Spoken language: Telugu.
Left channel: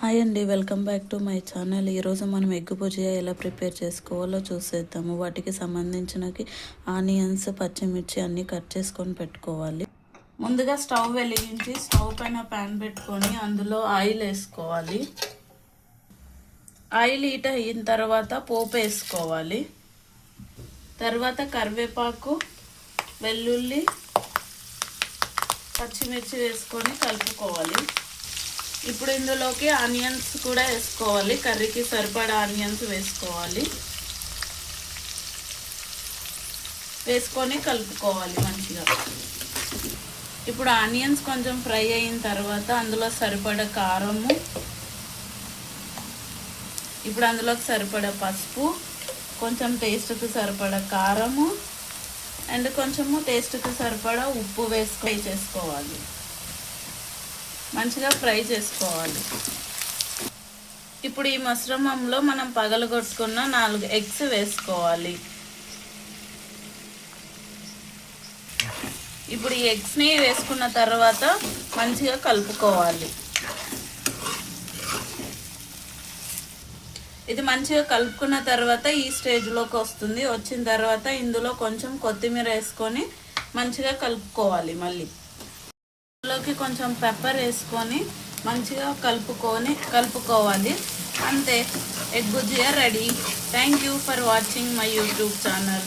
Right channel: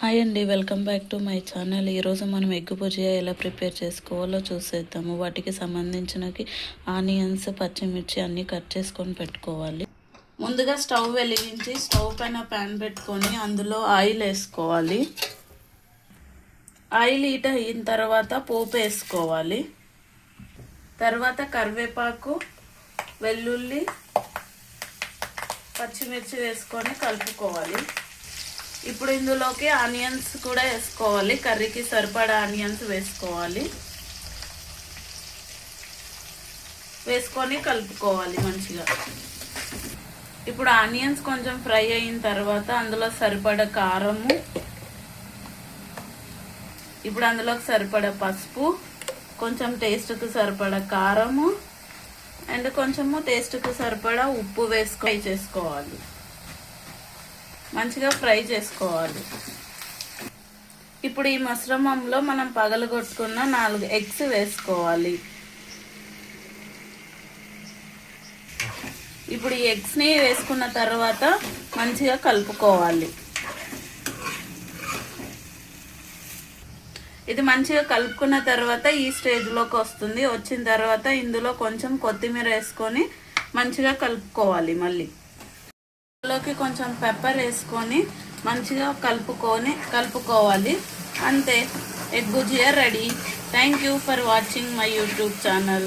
హాయ్ అండి, welcome back to my channel. ఈరోజు మనం ఎగ్ భుజియా ఎలా ప్రిపేర్ చేసుకోవాలో చూసేద్దాము. వాటికి సంబంధించినవి ఆనియన్స్, పచ్చిమిర్చి అన్నీ కట్ చేసుకొని పెట్టుకోవాలి. ముందుగా స్టవ్ వెలిగించి స్టవ్ పైన ప్యాన్ పెట్టుకొని అందులో ఆయిల్ వేసుకోవాలి. ఆయిల్ హీట్ అయిన తర్వాత పోపు వేసుకోవాలి. తర్వాత కరివేపాకు, వెల్లుల్లి, పచ్చిమిర్చి వేసుకొని కలుపుకోవాలి. ఇప్పుడు ఇందులోకి ఆనియన్స్ కూడా వేసుకోవాలి. కర్రీకి సరిపడా ఆనియన్స్ వేసుకోవాలి. వేసుకొని కలుపుకోవాలి మంచిగా. ఇప్పుడు ఆనియన్స్ కొంచెం ఫ్రై అయిన తర్వాత అందులో సరిపడా కారము, ఇప్పుడు అందులోకి సరిపడా పసుపు, కొంచెం టేస్ట్కి సరిపడా కారము అండ్ కొంచెము టేస్ట్కి సరిపడా ఉప్పు వేసుకొని చేసుకోవాలి. మంచిగా ఫ్రై చేసుకోవాలి. ఇప్పుడు ఈ మిశ్రమంలో మనం పగలగొట్టుకున్న 4 ఎగ్స్ వేసుకోవాలి. ఇప్పుడు ఈ ఎగ్స్ని వేసుకున్న తర్వాత మంచిగా కలుపుకోవాలి. ఇది మంచిగా కలుపుకున్న తర్వాత ఈ స్టేజ్లోకి వస్తుంది. వచ్చిన తర్వాత ఇందులో కొంచెం కొత్తిమీర వేసుకొని మంచిగా కలుపుకోవాలి. మళ్ళీ ఇందులోకి కొంచెం పెప్పర్ వేసుకొని మంచిగా కలుపుకోవాలి. అంతే, egg bhujia ready. Thank you for watching my YouTube channel.